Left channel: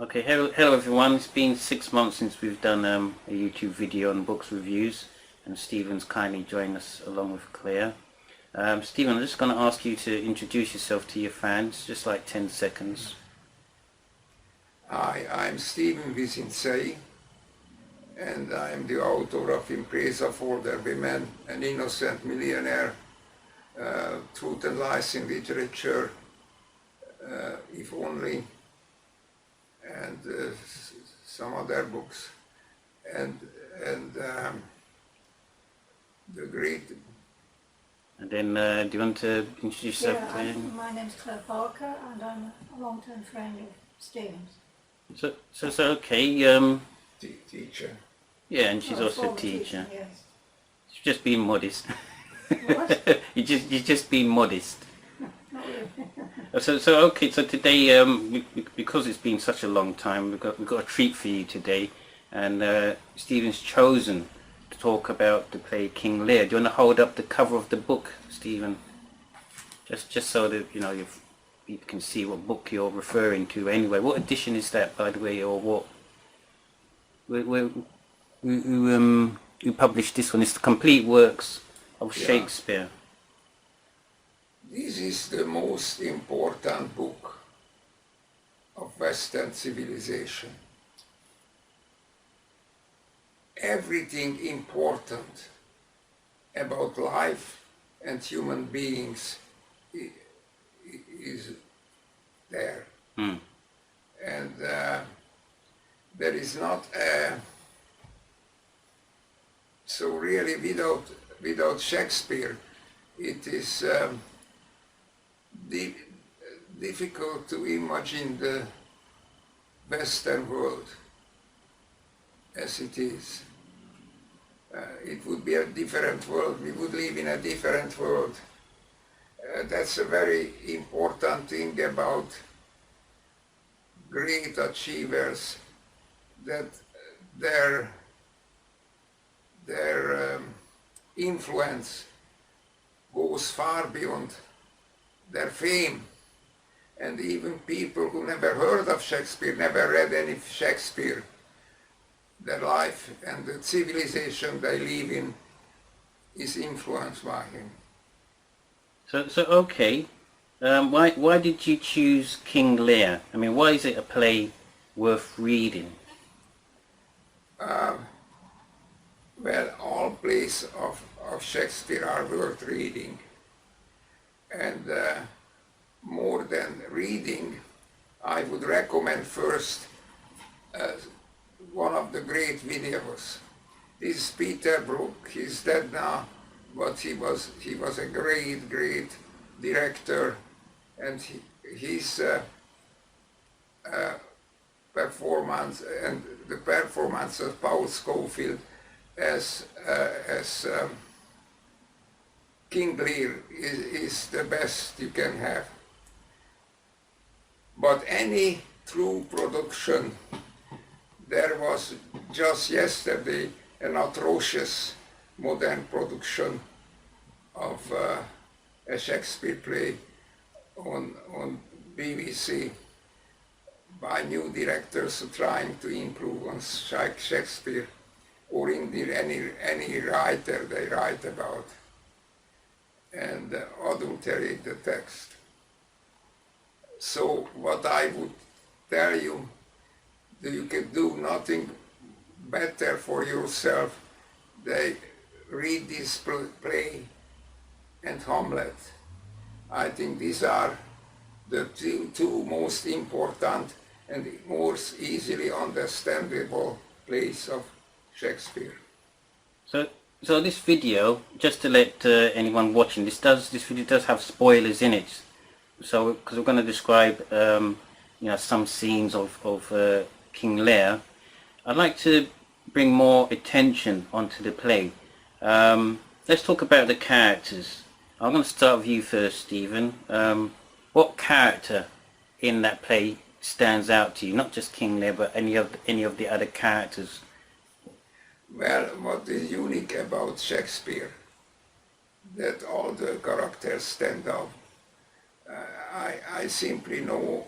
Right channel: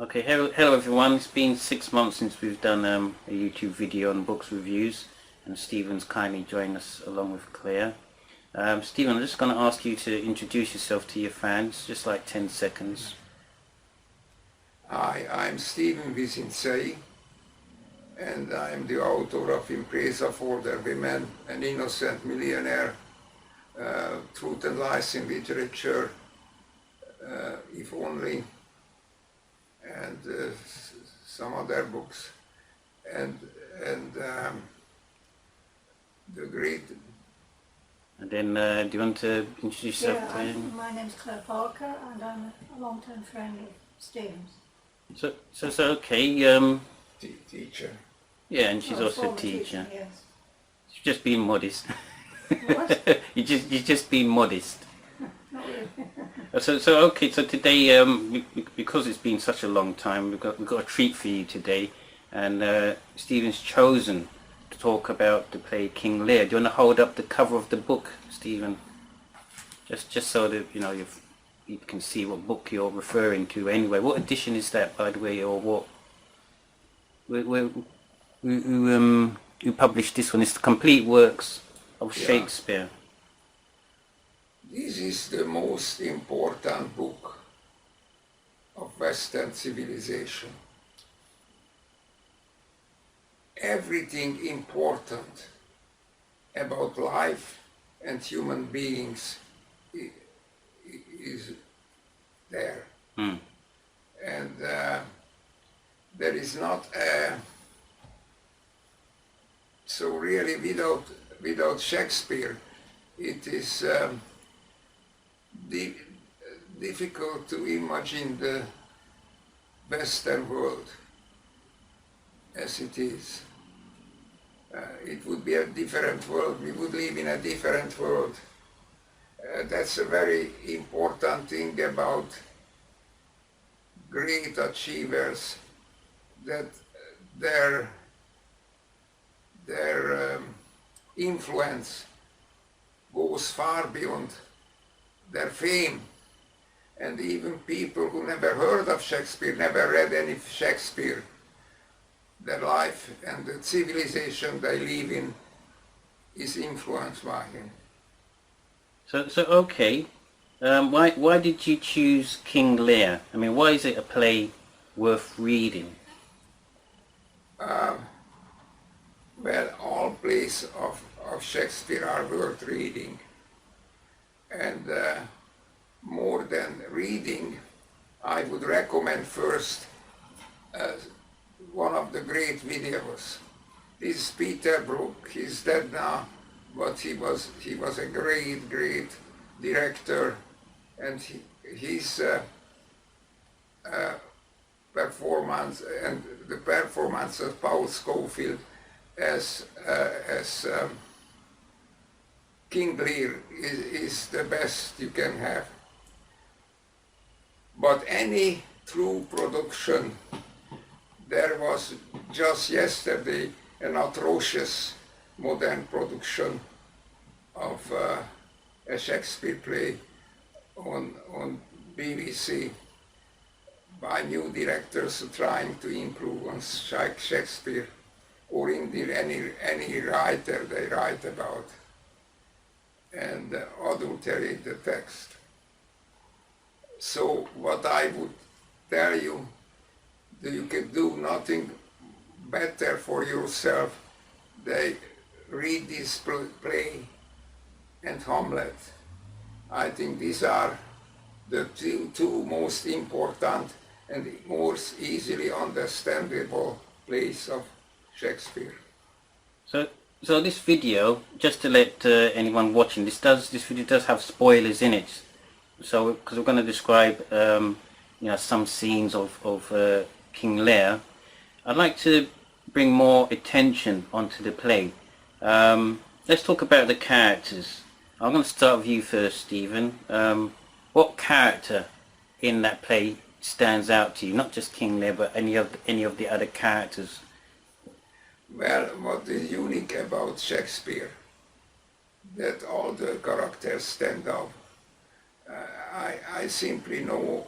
Okay, hello everyone. It's been 6 months since we've done a YouTube video on books reviews, and Stephen's kindly joined us along with Claire. Stephen, I'm just going to ask you to introduce yourself to your fans, just like 10 seconds. Hi, I'm Stephen Vizinczey, and I'm the author of Impresa for the Women, An Innocent Millionaire, Truth and Lies in Literature, If Only, and some other books, and the great. And then, do you want to introduce yourself? Yeah, my name's Claire Parker, and I'm a long-term friend of Stephen's. So okay. Teacher. Yeah, and she's also a teacher. teacher. Yes. She's just being modest. What? You're just being modest. Not really. So okay. So today, because it's been such a long time, we've got a treat for you today, and Stephen's chosen to talk about the play King Lear. Do you want to hold up the cover of the book, Stephen? Just so that you can see what book you're referring to. Anyway, what edition is that, by the way, or what? Who published this one? It's the complete works of Shakespeare. This is the most important book of Western civilization. Everything important about life and human beings is there. And there is not so really without Shakespeare it is difficult to imagine the Western world as it is. It would be a different world. We would live in a different world. That's a very important thing about great achievers, that their influence goes far beyond their fame. And even people who never heard of Shakespeare, never read any Shakespeare, their life and the civilization they live in is influenced by him. So okay, why did you choose King Lear? I mean, why is it a play worth reading? Well, all plays of Shakespeare are worth reading, and more than reading, I would recommend first one of the great videos. This is Peter Brook. He's dead now, but he was a great director, and his performance and the performance of Paul Scofield as King Lear is the best you can have. But any true production, there was just yesterday an atrocious modern production of a Shakespeare play on BBC by new directors trying to improve on Shakespeare, or indeed any writer they write about, and adulterate the text. So what I would tell you, that you can do nothing better for yourself. They read this play and Hamlet. I think these are the two most important and most easily understandable plays of Shakespeare. So this video, just to let anyone watching, this video does have spoilers in it. So because we're going to describe some scenes of King Lear, I'd like to bring more attention onto the play. Let's talk about the characters. I'm going to start with you first, Stephen. What character in that play stands out to you? Not just King Lear, but any of the other characters. Well, what is unique about Shakespeare, that all the characters stand out. I simply know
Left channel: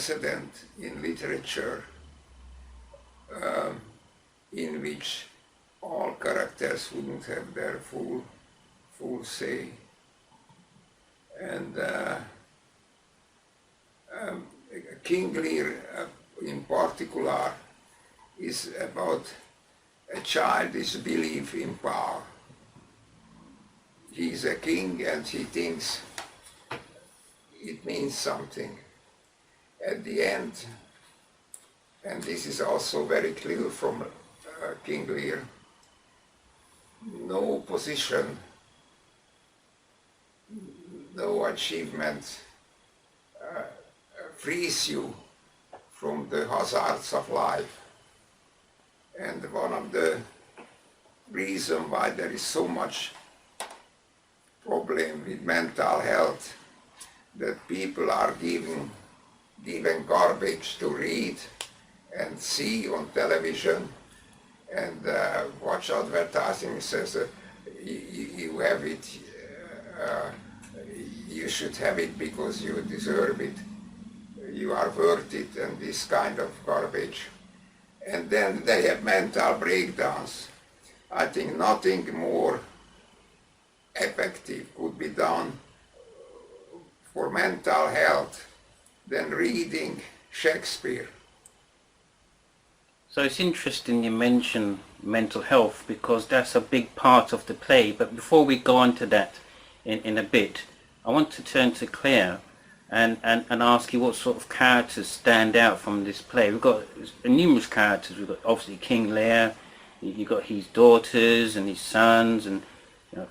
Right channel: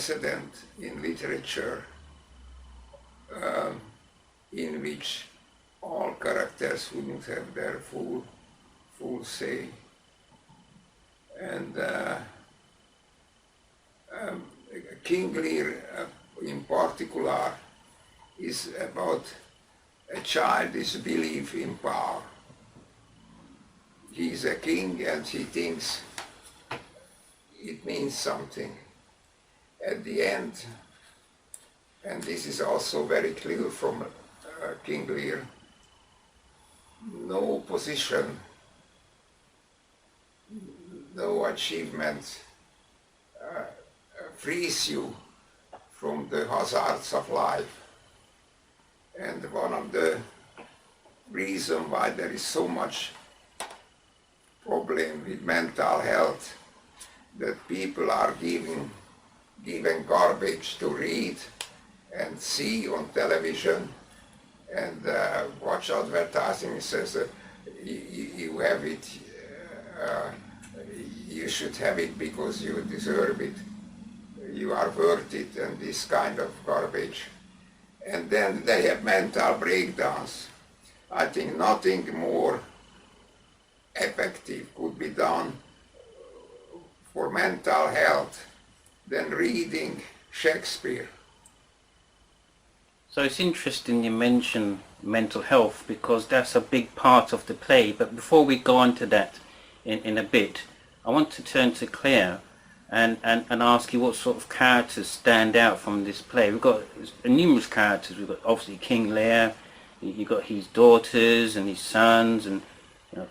precedent in literature in which all characters wouldn't have their full say. And King Lear in particular is about a childish belief in power. He's a king and he thinks it means something. At the end, and this is also very clear from King Lear, no position, no achievement frees you from the hazards of life. And one of the reasons why there is so much problem with mental health, that people are given garbage to read and see on television and watch advertising says you have it, you should have it because you deserve it, you are worth it, and this kind of garbage. And then they have mental breakdowns. I think nothing more effective could be done for mental health than reading Shakespeare. So it's interesting you mention mental health, because that's a big part of the play. But before we go on to that in a bit, I want to turn to Claire and ask you what sort of characters stand out from this play. We've got numerous characters. We've got obviously King Lear, you've got his daughters and his sons, and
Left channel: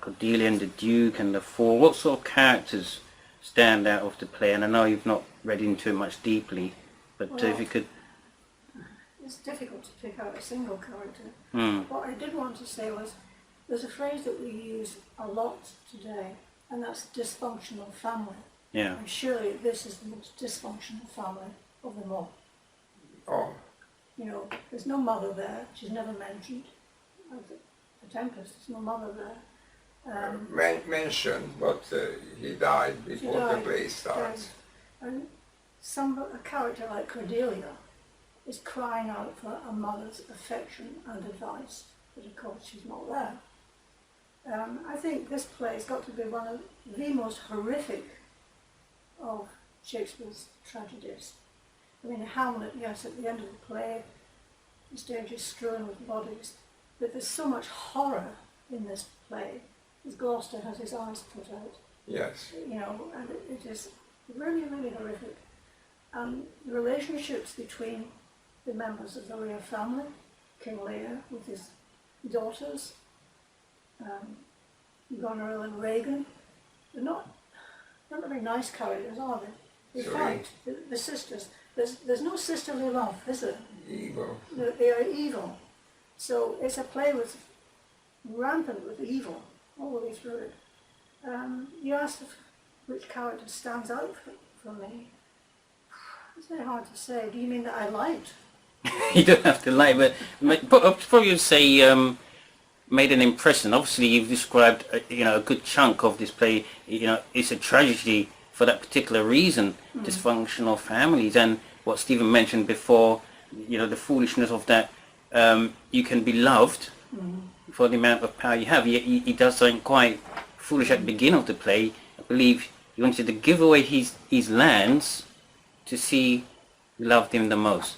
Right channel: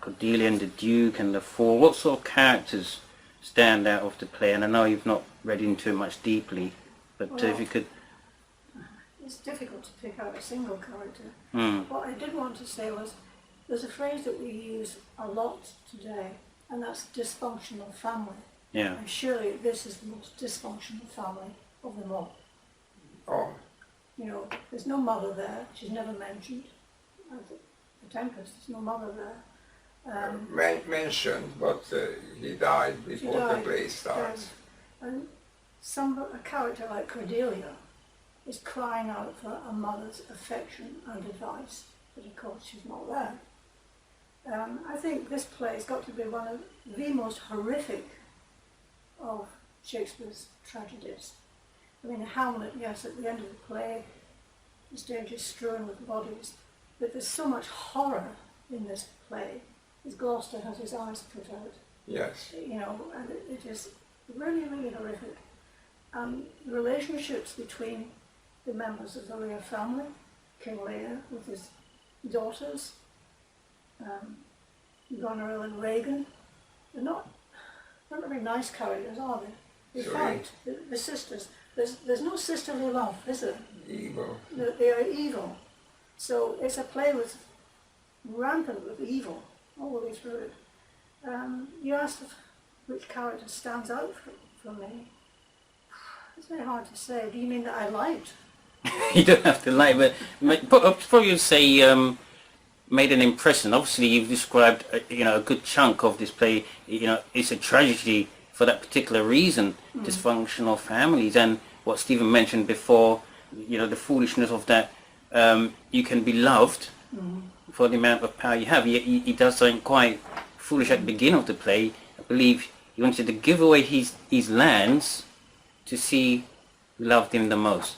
Cordelia and the Duke and the Four. What sort of characters stand out of the play? And I know you've not read into it much deeply, but Well, if you could... It's difficult to pick out a single character. Mm. What I did want to say was, there's a phrase that we use a lot today, and that's dysfunctional family. Yeah. And surely this is the most dysfunctional family of them all. Oh, There's no mother there. She's never mentioned. The Tempest, there's no mother there. mentioned, but he died before the died. play starts. And a character like Cordelia is crying out for a mother's affection and advice, but of course she's not there. I think this play has got to be one of the most horrific of Shakespeare's tragedies. I mean, Hamlet, yes, at the end of the play, the stage is strewn with bodies, but there's so much horror in this play, as Gloucester has his eyes put out. Yes. And it is really, really horrific. And the relationships between the members of the Lear family, King Lear with his daughters, Goneril and Regan, they're not very nice characters, are they? They fight, the sisters. There's no sisterly love, is there? Evil. They are evil. So it's a play with rampant with evil all the way through it. You asked which character stands out for me. It's very hard to say. Do you mean that I liked? You don't have to like, but probably you'd say made an impression. Obviously, you've described a good chunk of this play. It's a tragedy for that particular reason, dysfunctional families, and what Stephen mentioned before. The foolishness of that. You can be loved for the amount of power you have. He does something quite foolish at the beginning of the play. I believe he wanted to give away his lands to see who loved him the most.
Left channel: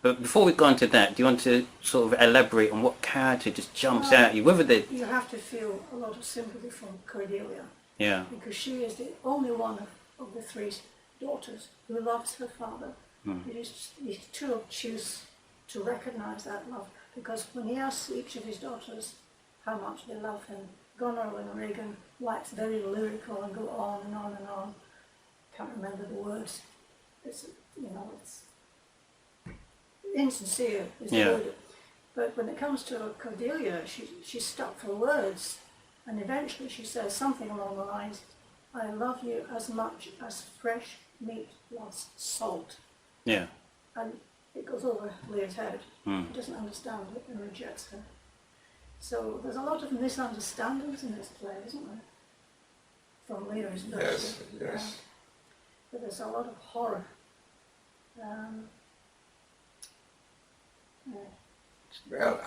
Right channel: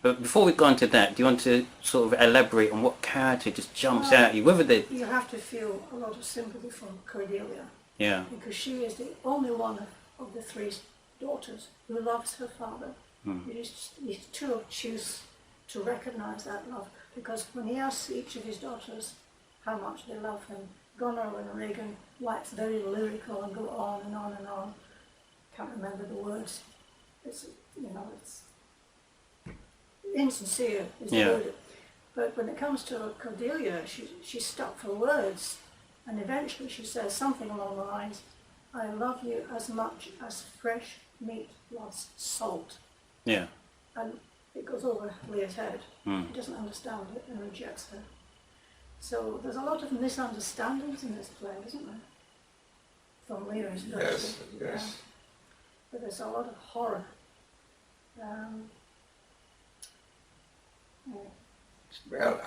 But before we go on to that, do you want to sort of elaborate on what character just jumps out at you? Whether You have to feel a lot of sympathy from Cordelia. Yeah. Because she is the only one of the three daughters who loves her father. You too choose to recognise that love, because when he asks each of his daughters how much they love him, Goneril and Regan wax very lyrical and go on and on and on. Can't remember the words. It's insincere is the word. But when it comes to Cordelia, she's stuck for words, and eventually she says something along the lines, "I love you as much as fresh meat loves salt." Yeah. And it goes over Lear's head. He doesn't understand it and rejects her. So there's a lot of misunderstandings in this play, isn't there? From Lear's version. Yes. But there's a lot of horror Yeah. Well,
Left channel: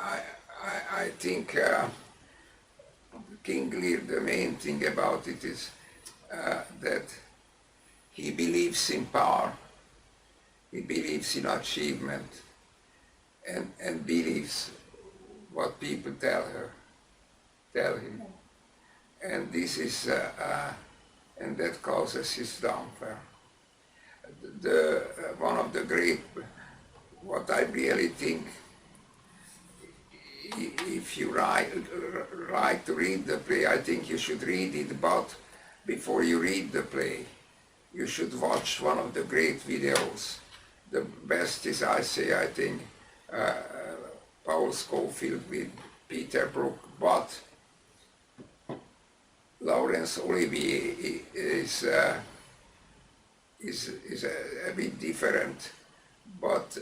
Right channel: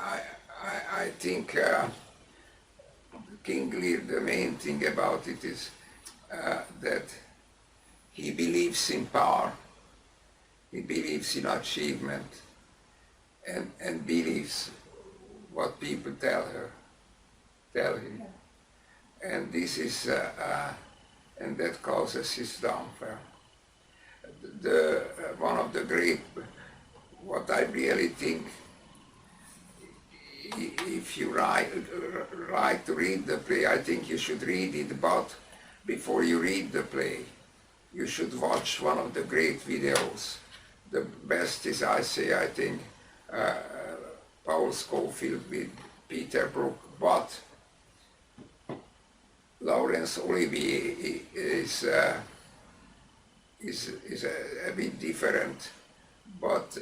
I think King Lear, the main thing about it is that he believes in power, he believes in achievement, and believes what people tell him. And this is, and that causes his downfall. One of the great, what I really think, if you like to read the play, I think you should read it, but before you read the play, you should watch one of the great videos. The best is, I think, Paul Scofield with Peter Brook, but Laurence Olivier is a bit different, but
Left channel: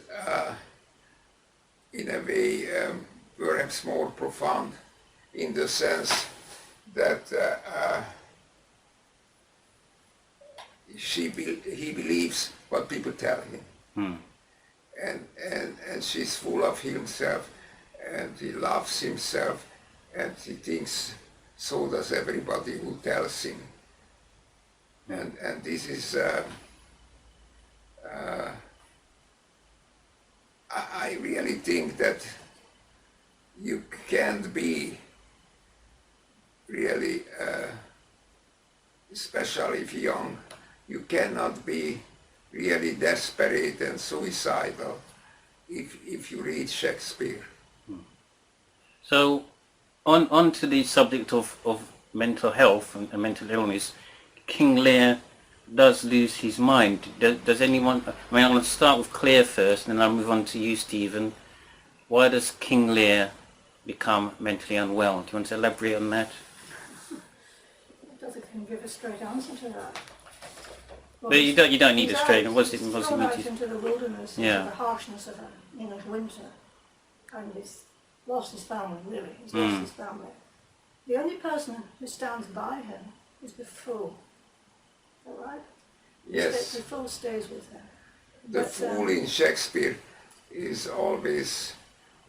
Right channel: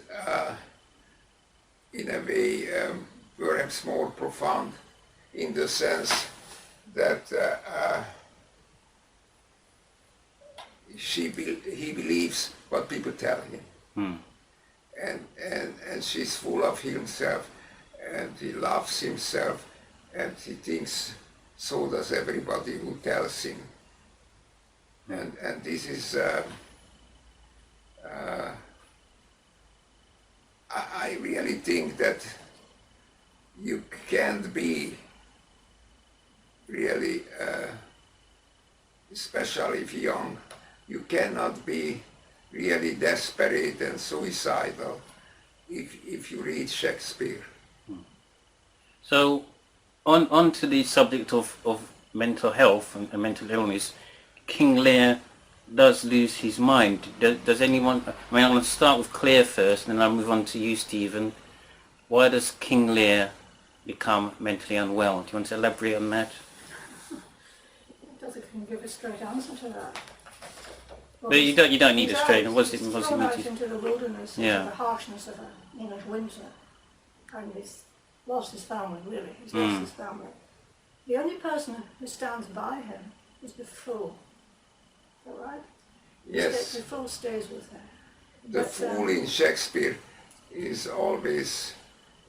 in a way perhaps more profound, in the sense that he believes what people tell him, and she's full of himself, and he loves himself, and he thinks so does everybody who tells him, and this is I really think that you can't be really, especially if young, you cannot be really desperate and suicidal if you read Shakespeare. So, on to the subject of mental health and mental illness, King Lear does lose his mind. Does anyone, I mean, I'm going to start with Claire first, and then I'll move on to you, Stephen. Why does King Lear become mentally unwell? Do you want to elaborate on that? I don't think I can give a straight answer to that. Well, But you don't need a straight. He's thrown out into the wilderness, Yeah. into the harshness of winter, and he's lost his family, really. He's lost his family. The only person who stands by him is the fool. Is that right? Yes. The fool stays with him. The But, fool in Shakespeare is always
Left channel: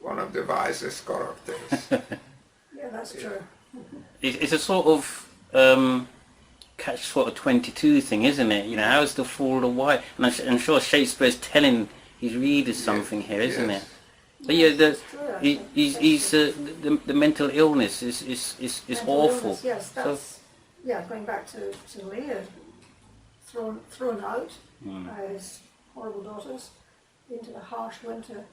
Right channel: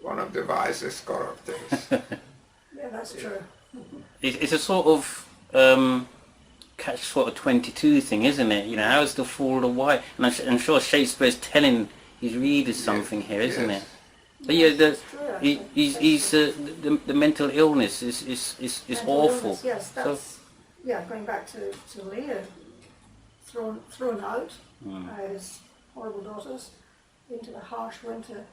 one of the wisest characters. Yeah, that's true. It's a sort of catch sort of 22 thing, isn't it? You know, how's the fool the wise? And I'm sure Shakespeare's telling his readers something here, isn't Yes. it? But yeah, That's true, actually. the mental illness is Mental awful. illness, yes, that's, going back to Lear, thrown out by his horrible daughters into the harsh winter,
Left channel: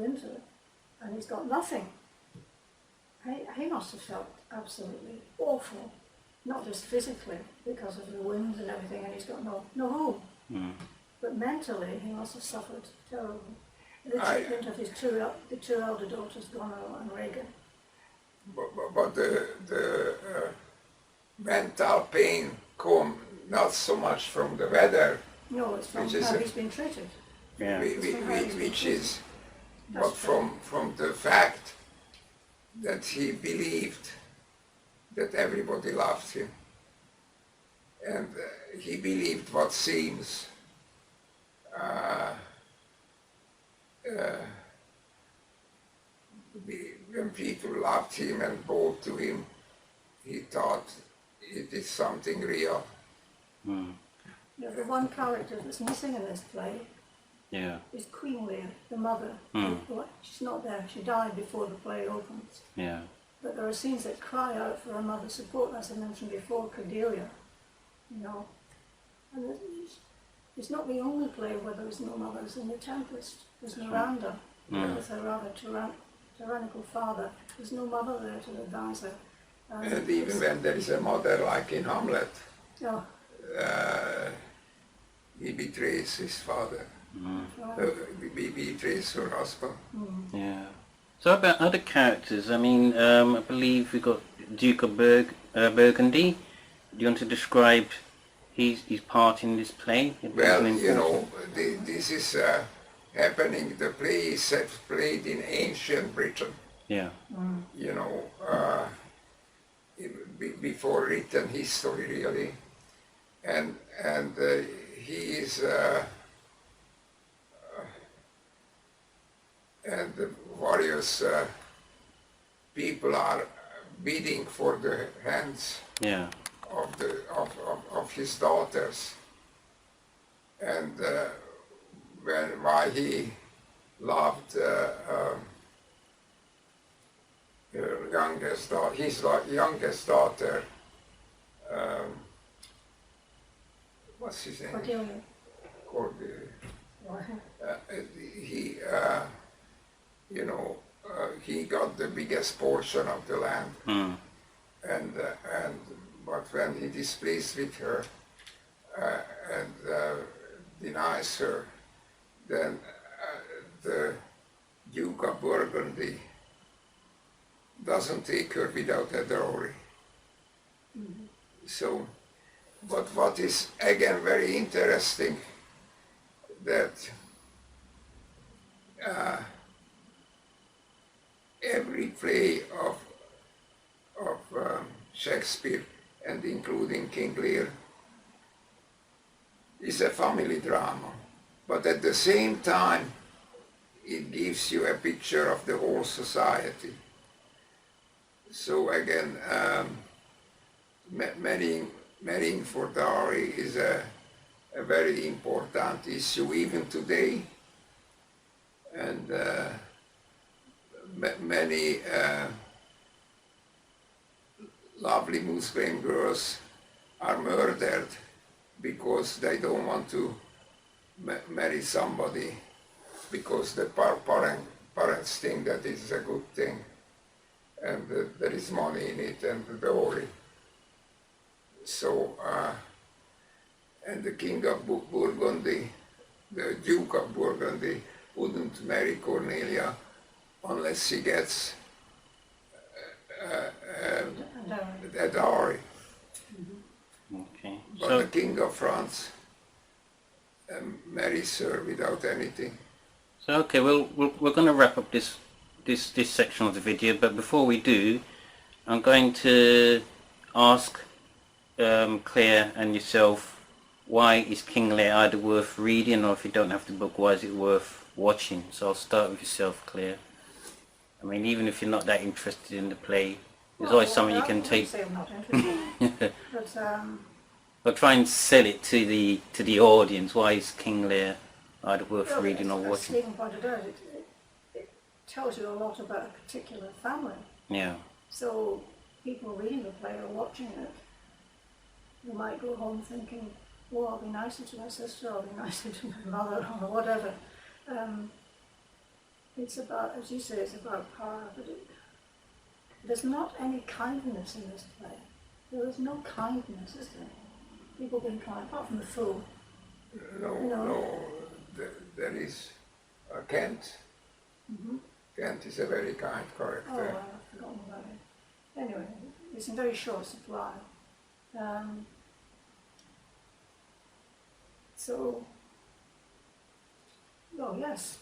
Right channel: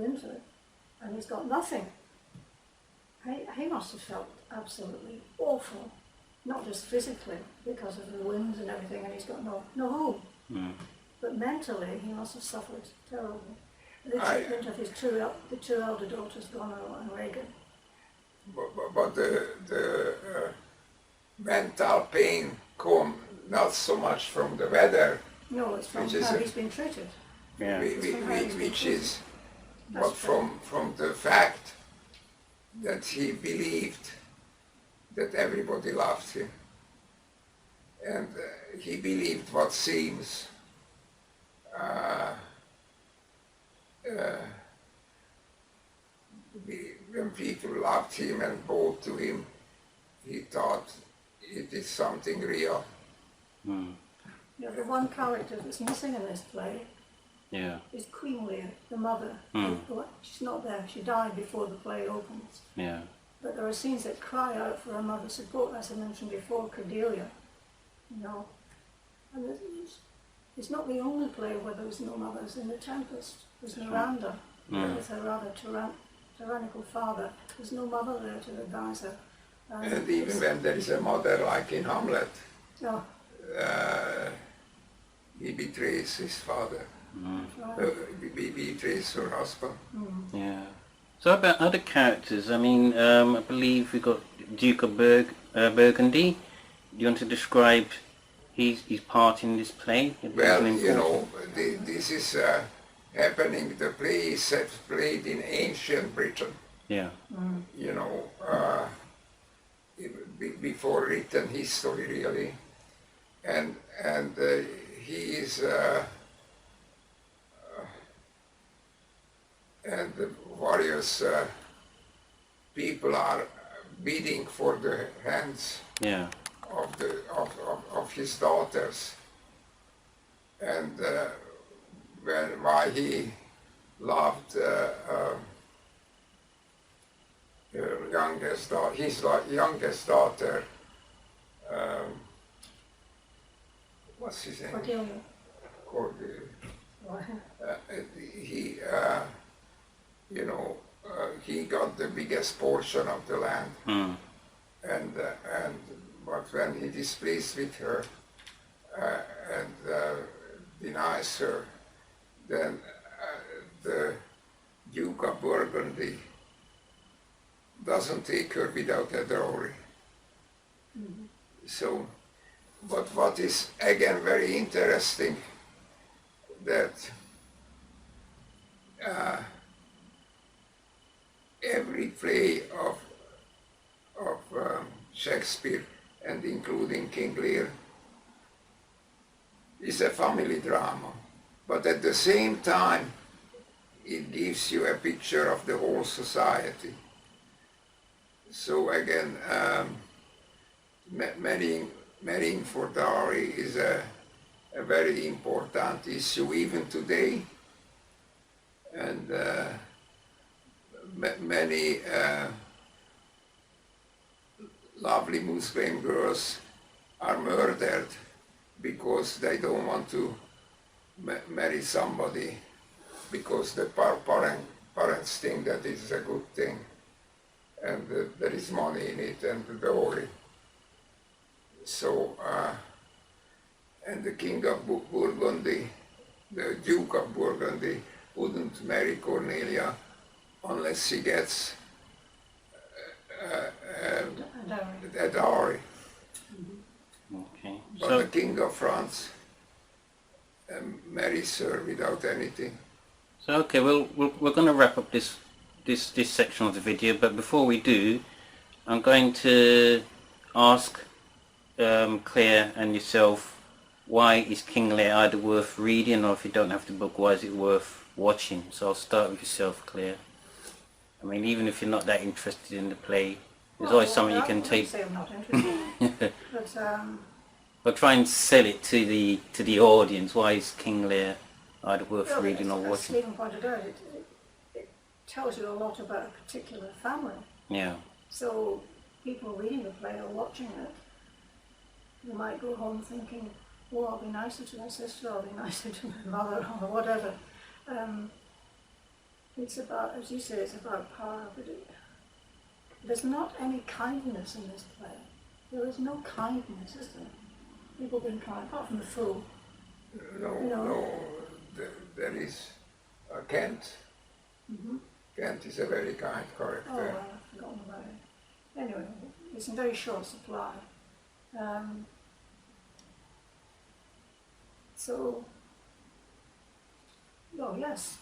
and he's got nothing. He must have felt absolutely awful, not just physically because of the wind and everything, and he's got no home, but mentally he must have suffered terribly. The treatment of his the two elder daughters, Goneril and Regan. But the mental pain come not so much from the weather, No, it's from Which is how a- he's been treated. Yeah. which is, That's but from the fact that he believed that everybody loved him, and he believed what seems when people loved him and bowed to him, he thought it is something real. Yeah, the one character that's missing in this play Yeah. is Queen Lear, the mother. She's not there. She died before the play opens. Yeah. But there are scenes that cry out for her mother's support, as I mentioned before, Cordelia. And it's not the only play where there is no mothers. In The Tempest, there's Miranda, with her rather tyrannical father. There's no mother there to advise her. And even when there is a mother, like in Hamlet, Yeah, he betrays his father, he betrays her husband. Yeah. So about other characters, I mean, I believe we got Duke of Burgundy. Do you want to describe his part in this play? Well, you know, this is happening, the play is played in ancient Britain, Yeah. you know, before written history really, and he is is and the various people are bidding for the hands Yeah. of his daughters, and why he loved his youngest daughter. What's his name? Cordelia. He, he got the biggest portion of the land, and but when he displeased with her and denies her, then the Duke of Burgundy doesn't take her without a dowry. So, but what is again very interesting, that every play of Shakespeare, and including King Lear, is a family drama, but at the same time it gives you a picture of the whole society. So again, marrying for dowry is a very important issue even today, and many lovely Muslim girls are murdered because they don't want to marry somebody because the parents think that it's a good thing, and there is money in it and the dowry. So, and the King of Burgundy, the Duke of Burgundy, wouldn't marry Cornelia unless he gets a dowry. Okay. But So the King of France marries her without anything. So okay, we're going to wrap up this section of the video, but before we do, I'm going to ask Claire and yourself, why is King Lear either worth reading, or if you don't have the book, why is it worth watching? So I'll start with yourself, Claire. I mean, even if you're not that interested in the play, there's always something you can take. I wouldn't say I'm not interested, but But try and sell it to the audience. Why is King Lear either worth reading or as watching? Stephen pointed out, it tells you a lot about a particular family. Yeah. So people reading the play or watching it, they might go home thinking, oh, I'll be nicer to my sister, I'll be nicer to my mother, or whatever. It's about, as you say, it's about power, but there's not any kindness in this play. There is no kindness, is there? People being kind, apart from the fool. No, there is Kent. Mm-hmm. Kent is a very kind Oh, character. I've forgotten about it. Anyway, it's in very short supply. So, well, yes,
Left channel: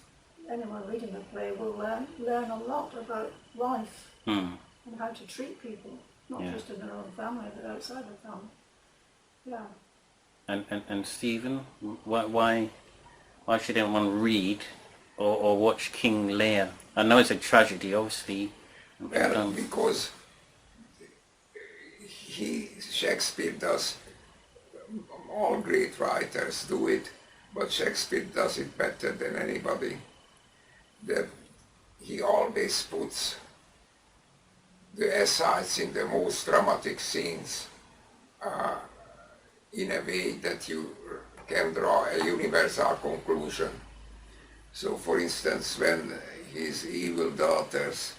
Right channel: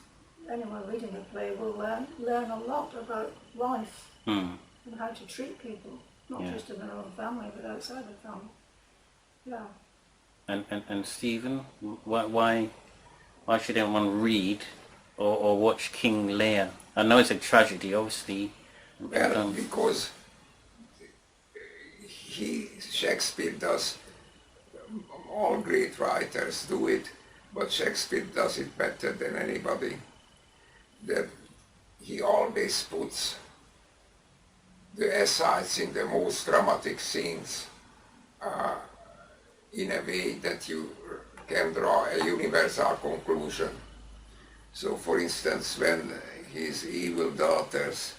anyone reading the play will learn a lot about life and how to treat people, not just in their own family, but outside the family. Yeah. And Stephen, why should anyone read or watch King Lear? I know it's a tragedy, obviously. Well, because Shakespeare does, all great writers do it, but Shakespeare does it better than anybody. That he always puts the asides in the most dramatic scenes in a way that you can draw a universal conclusion. So, for instance, when his evil daughters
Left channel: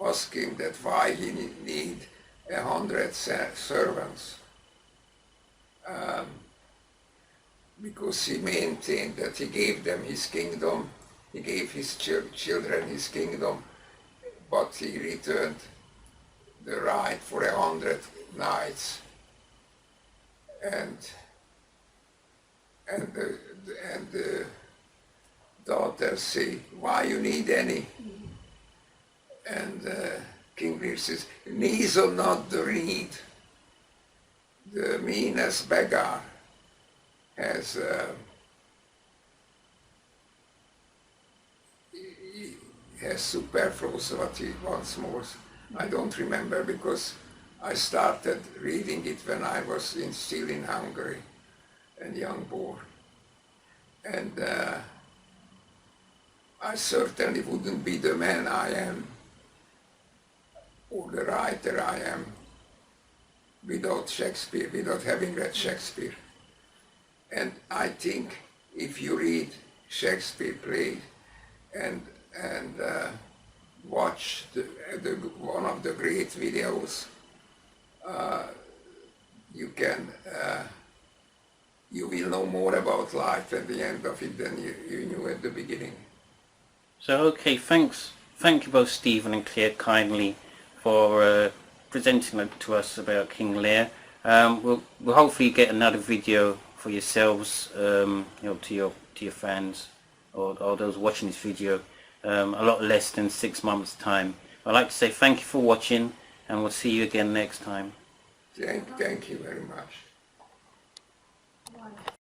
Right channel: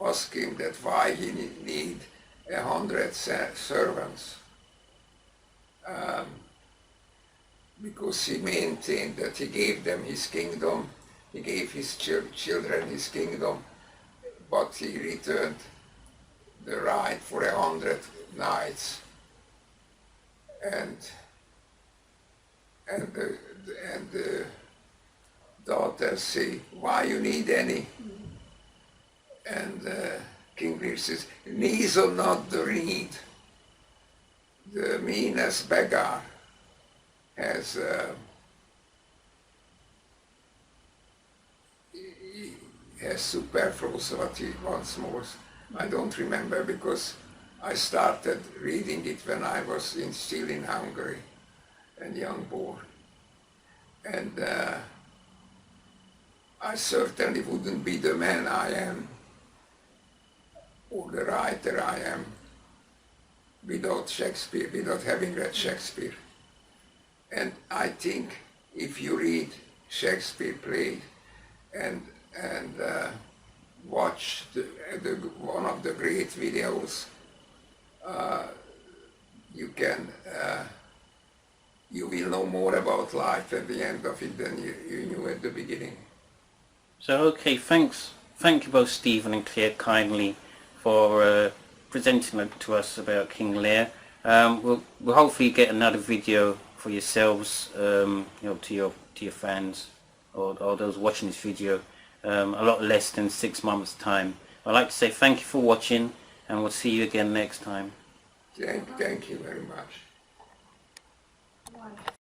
ask him that why he need 100 servants, because he maintained that he gave them his kingdom, he gave his children his kingdom, but he returned the right for 100 knights, and the daughters say, why you need any? And King Lear says, neither not the reed. The meanest beggar has has superfluity once more. I don't remember because I started reading it when I was still in Hungary and young boy. And I certainly wouldn't be the man I am or the writer I am without Shakespeare, without having read Shakespeare. And I think if you read Shakespeare plays and watch one of the great videos, you will know more about life at the end of it than you knew at the beginning. So okay, thank you both Stephen and Claire kindly for presenting it to us about King Lear. We'll hopefully get another video for yourselves, you know, to your fans or those watching this video, a lot less than 6 months' time. I'd like to say thank you for watching, and we'll see you again next time. Thank you very much.